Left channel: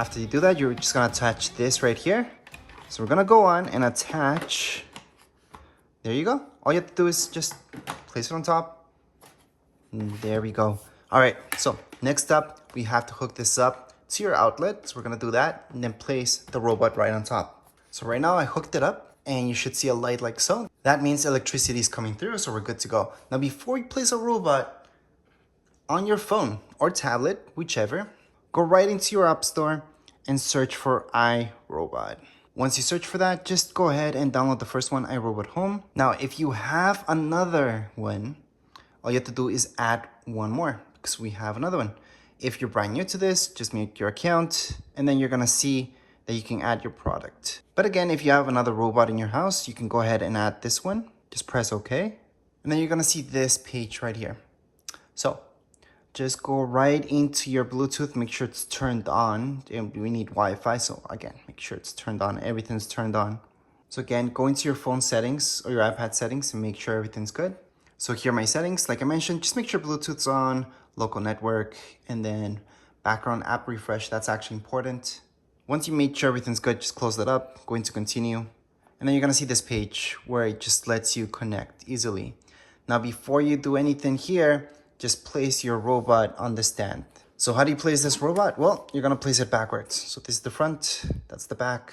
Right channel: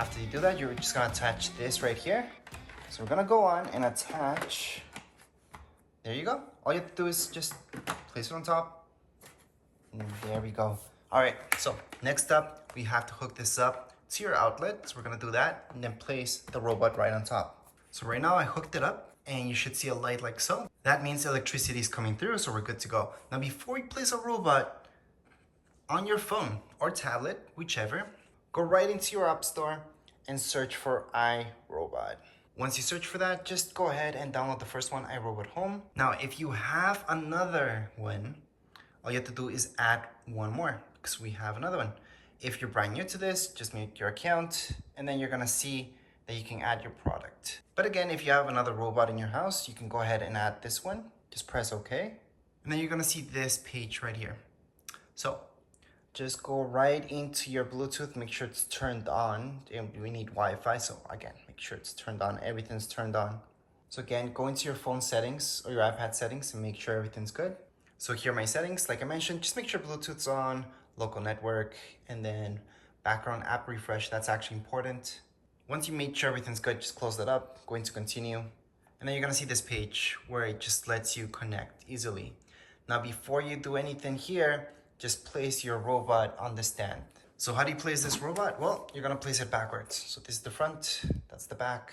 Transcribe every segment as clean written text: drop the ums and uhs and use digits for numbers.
After you do that, you're just gonna attach this right here. So we're gonna go on and attach. There you go. All you have to do is just place it on top. And there we go. All right, so next up, we have to hook this up to your outlet. So we're gonna do that and then place the robot right on top. So right now I hooked it up and you should see a light like so. That means electricity is coming through, so we're good to go. Now before you place a robot on your phone or tablet, whichever, go right into your app store and search for iRobot. Once you search for that, just go ahead and download the first one, iRobot Home. Now, if you have another one, all you have to do is add one more because we have another one. If you're brand new to this, just make your account and then you're gonna see that you can add your product. But again, if you have another robot in your house, you can go ahead and add this one. Just press OK. And then you're gonna see this page right here. So just go right into your Bluetooth, make sure it's turned on. And we need Wi-Fi, so again, make sure it's turned on, everything's turned on. So again, go into your phone settings or your iPad settings and make sure everything's good. So here are my settings. Like I mentioned, just make sure Bluetooth's on, local network, and then background app refresh. That's actually important. Once you make sure everything's good, just close that up, go into continue. And then you're gonna see this page where it just lets you connect easily. Now, before you do anything here, just place your robot on the stand. So how do you place this robot? Well, you're gonna place it backwards. So this is the front, that's the back.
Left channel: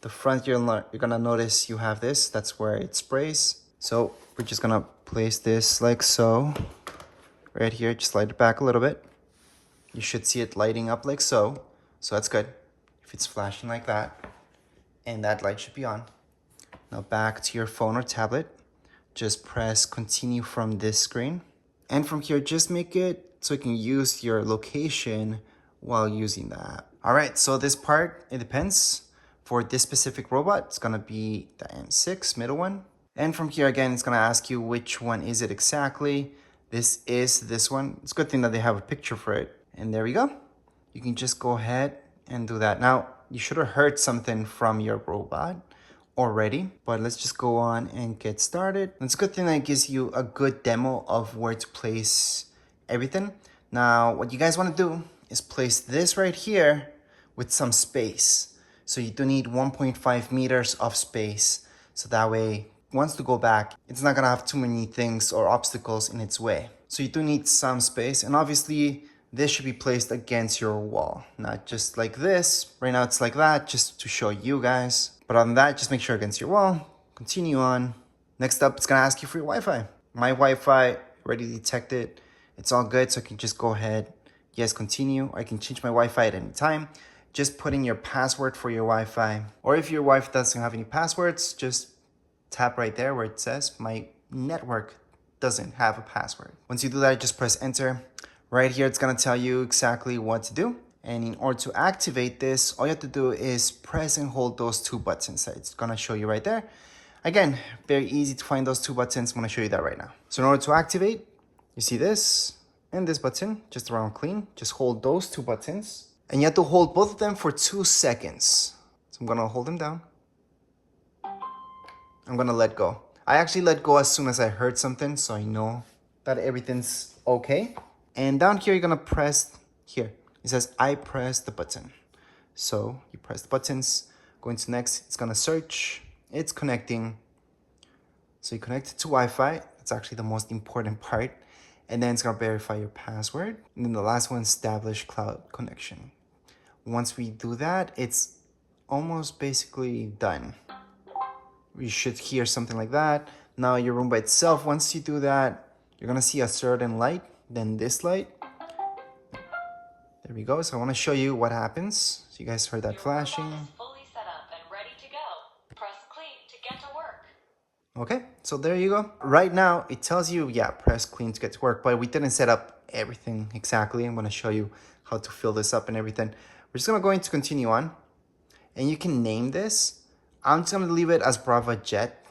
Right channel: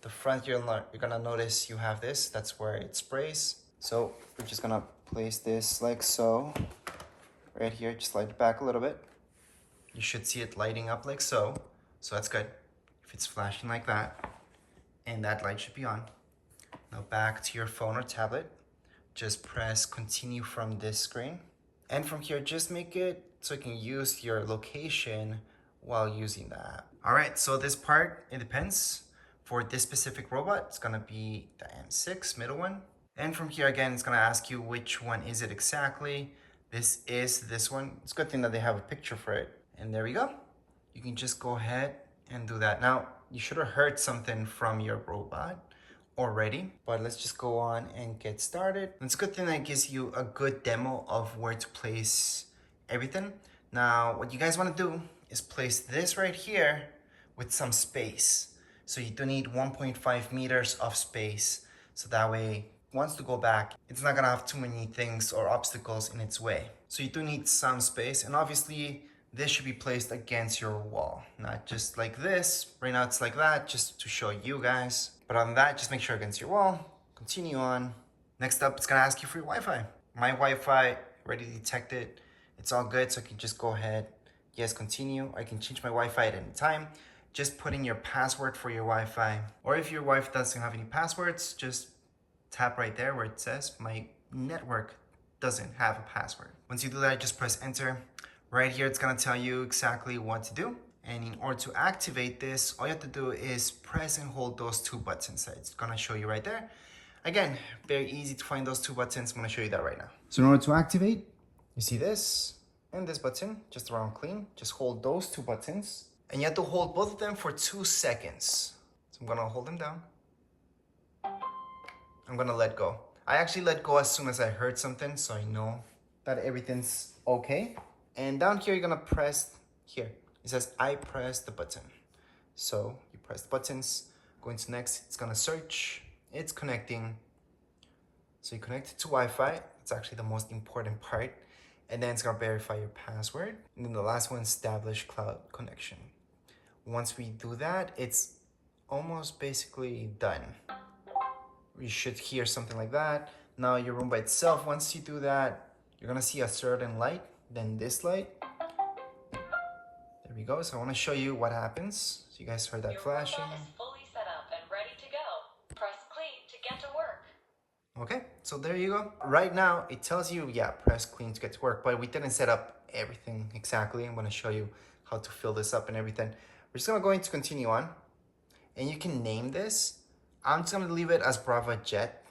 The front, you're gonna notice you have this, that's where it sprays. So we're just gonna place this like so. Right here, just slide it back a little bit. You should see it lighting up like so. So that's good. If it's flashing like that, and that light should be on. Now back to your phone or tablet. Just press continue from this screen. And from here, just make it so you can use your location while using the app. All right, so this part, it depends. For this specific robot, it's gonna be the M6, middle one. And from here, again, it's gonna ask you which one is it exactly. This is this one. It's a good thing that they have a picture for it. And there we go. You can just go ahead and do that. Now, you should have heard something from your robot already, but let's just go on and get started. It's a good thing that it gives you a good demo of where to place everything. Now, what you guys want to do is place this right here with some space. So you do need 1.5 meters of space. So that way, once to go back, it's not gonna have too many things or obstacles in its way. So you do need some space, and obviously this should be placed against your wall, not just like this. Right now it's like that, just to show you guys. But other than that, just make sure against your wall. Continue on. Next up, it's gonna ask you for your Wi-Fi. My Wi-Fi already detected. It's all good, so I can just go ahead, yes, continue. I can change my Wi-Fi at any time. Just put in your password for your Wi-Fi. Or if your Wi-Fi doesn't have any passwords, just tap right there where it says my network doesn't have a password. Once you do that, just press enter. Right here, it's gonna tell you exactly what to do. And in order to activate this, all you have to do is press and hold those two buttons. It's gonna show you right there. Again, very easy to find those two buttons. I'm gonna show you that right now. So in order to activate, you see this and this button, just around clean. Just hold those two buttons. And you have to hold both of them for 2 seconds. So I'm gonna hold them down. I'm gonna let go. I actually let go as soon as I heard something, so I know that everything's okay. And down here, you're gonna press here. It says, I press the button. So you press the buttons, go into next, it's gonna search, it's connecting. So you connect it to Wi-Fi, that's actually the most important part. And then it's gonna verify your password. And then the last one, establish cloud connection. Once we do that, it's almost basically done. You should hear something like that. Now your room by itself, once you do that, you're gonna see a certain light, then this light. There we go. So I wanna show you what happens. So you guys heard that flashing. Your robot is fully set up and ready to go. Press clean to get to work. Okay, so there you go. Right now, it tells you, yeah, press clean to get to work, but we didn't set up everything exactly. I'm gonna show you how to fill this up and everything. We're just gonna go into continue on, and you can name this. I'm just gonna leave it as Braava Jet.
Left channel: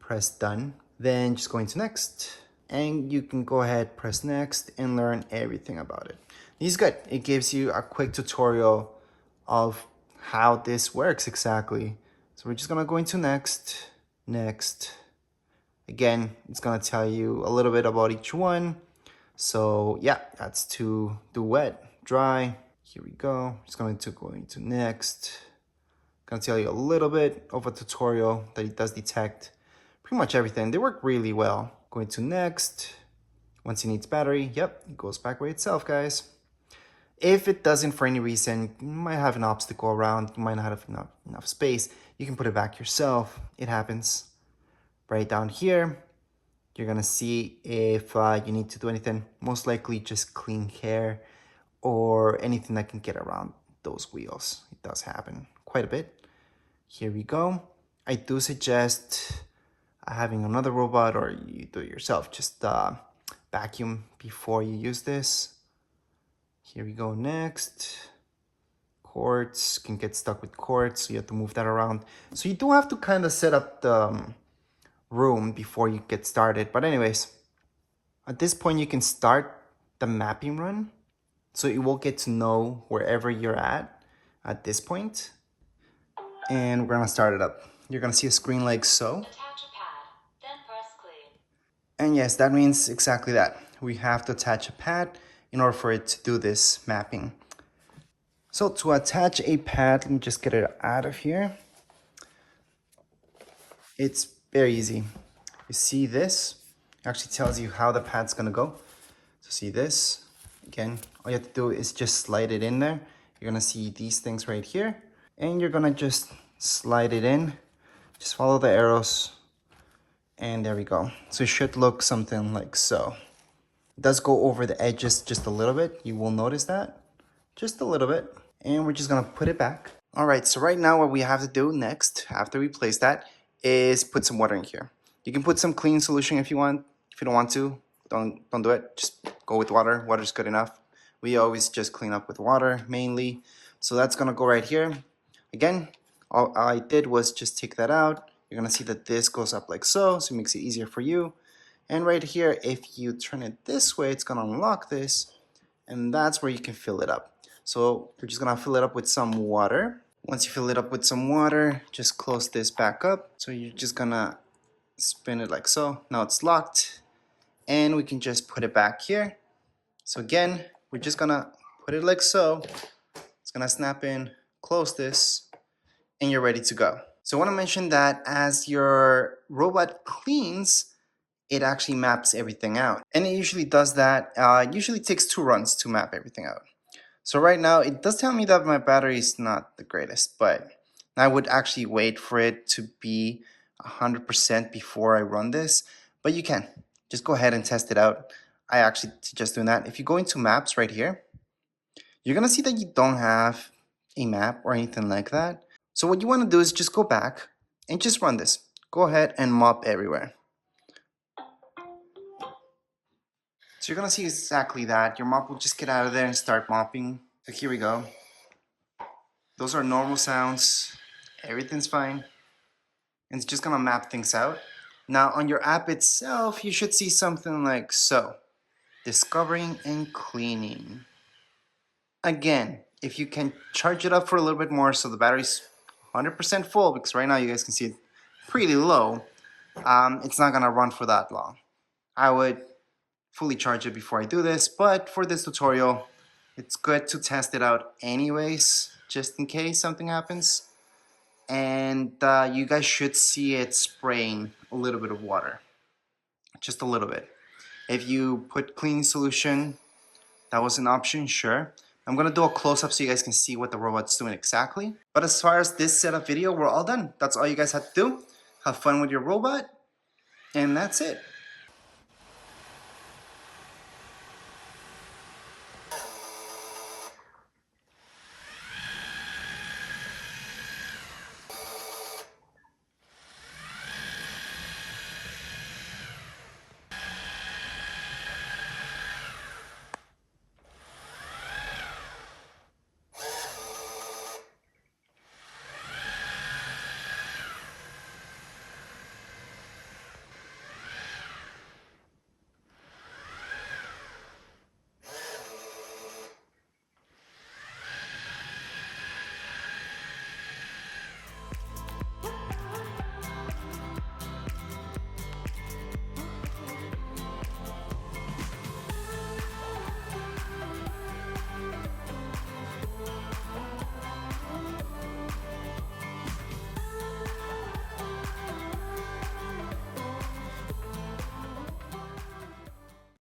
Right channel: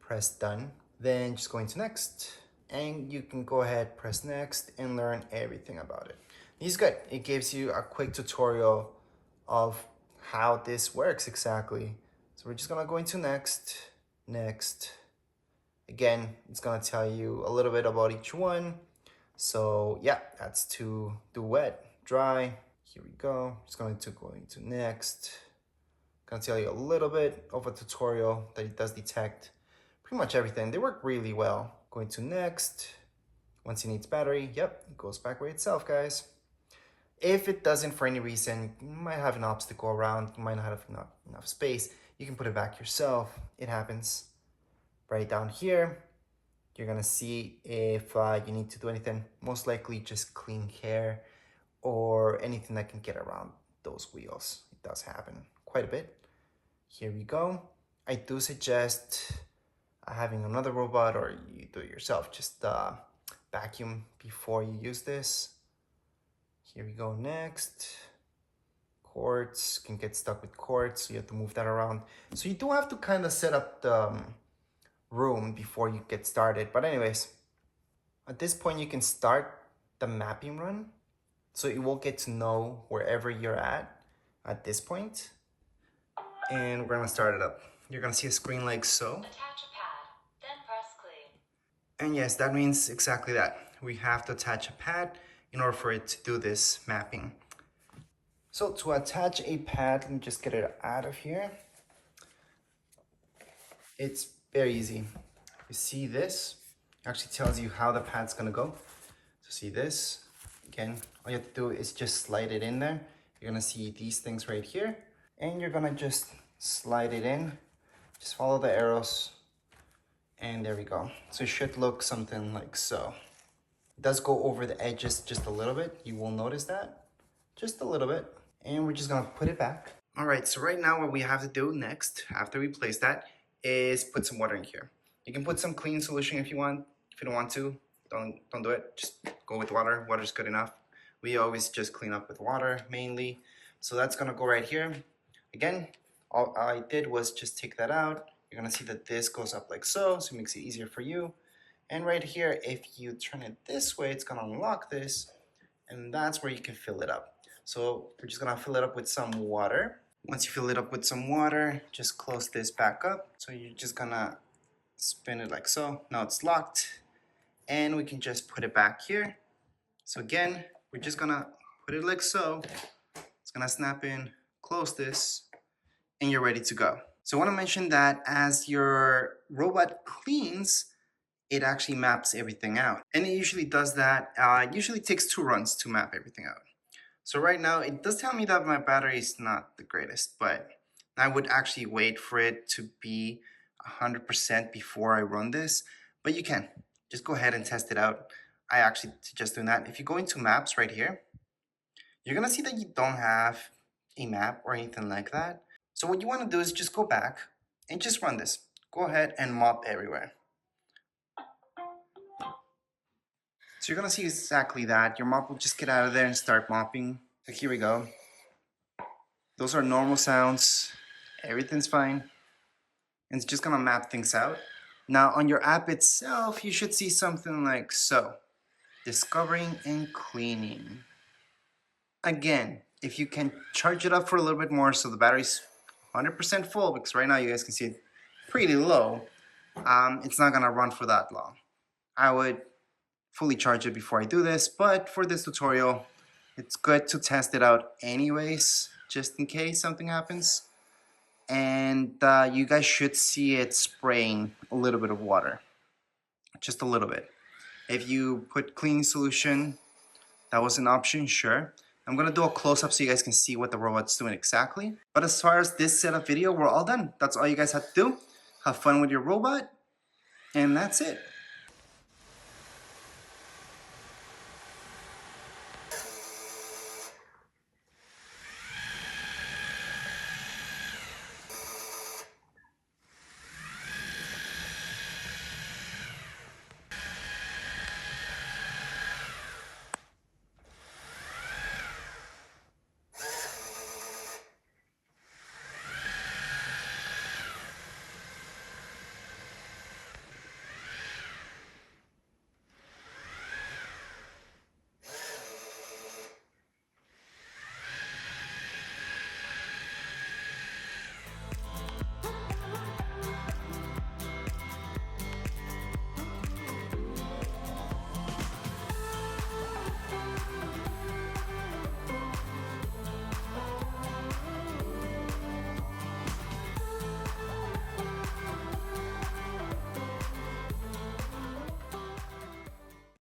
Press done. Then just go into next, and you can go ahead, press next, and learn everything about it. This is good. It gives you a quick tutorial of how this works exactly. So we're just gonna go into next. Again, it's gonna tell you a little bit about each one. So yeah, that's to do wet, dry. Here we go. Just going to go into next. Gonna tell you a little bit of a tutorial that it does detect pretty much everything. They work really well. Going to next. Once it needs battery, yep, it goes back by itself, guys. If it doesn't for any reason, you might have an obstacle around, you might not have enough space, you can put it back yourself. It happens. Right down here, you're gonna see if you need to do anything. Most likely just clean hair or anything that can get around those wheels. It does happen quite a bit. Here we go. I do suggest having another robot, or you do it yourself. Just vacuum before you use this. Here we go next. Cords can get stuck with cords, so you have to move that around. So you do have to kind of set up the room before you get started. But anyways, at this point you can start the mapping run. So it will get to know wherever you're at this point. And we're gonna start it up. You're gonna see a screen like so. Attach a pad, then press clean. And yes, that means exactly that. We have to attach a pad in order for it to do this mapping. So to attach a pad, let me just get it out of here. It's very easy. You see this? It actually tells you how the pad's gonna go. So see this? Again, all you have to do is just slide it in there. You're gonna see these things right here. And you're gonna just slide it in. Just follow the arrows. And there we go. So it should look something like so. It does go over the edges just a little bit. You will notice that. Just a little bit. And we're just gonna put it back. All right, so right now what we have to do next, after we place that, is put some water in here. You can put some clean solution if you want. If you don't want to, don't do it. Just go with water. Water's good enough. We always just clean up with water mainly. So that's gonna go right here. Again, all I did was just take that out. You're gonna see that this goes up like so it makes it easier for you. And right here, if you turn it this way, it's gonna unlock this, and that's where you can fill it up. So we're just gonna fill it up with some water. Once you fill it up with some water, just close this back up. So you're just gonna spin it like so. Now it's locked, and we can just put it back here. So again, we're just gonna put it like so. It's gonna snap in, close this, and you're ready to go. So I wanna mention that as your robot cleans, it actually maps everything out. And it usually does that. It usually takes 2 runs to map everything out. So right now, it does tell me that my battery is not the greatest, but I would actually wait for it to be 100% before I run this. But you can. Just go ahead and test it out. I actually suggest doing that. If you go into maps right here, you're gonna see that you don't have a map or anything like that. So what you wanna do is just go back and just run this. Go ahead and mop everywhere. So you're gonna see exactly that. Your mop will just get out of there and start mopping. So here we go. Those are normal sounds. Everything's fine. And it's just gonna map things out. Now on your app itself, you should see something like so. Discovering and cleaning. Again, if you can charge it up for a little bit more so the battery's 100% full, because right now you guys can see it pretty low, it's not gonna run for that long. I would fully charge it before I do this, but for this tutorial, it's good to test it out anyways, just in case something happens. And you guys should see it spraying a little bit of water, just a little bit. If you put cleaning solution, that was an option, sure. I'm gonna do a close-up so you guys can see what the robot's doing exactly. But as far as this setup video, we're all done. That's all you guys have to do. Have fun with your robot, and that's it.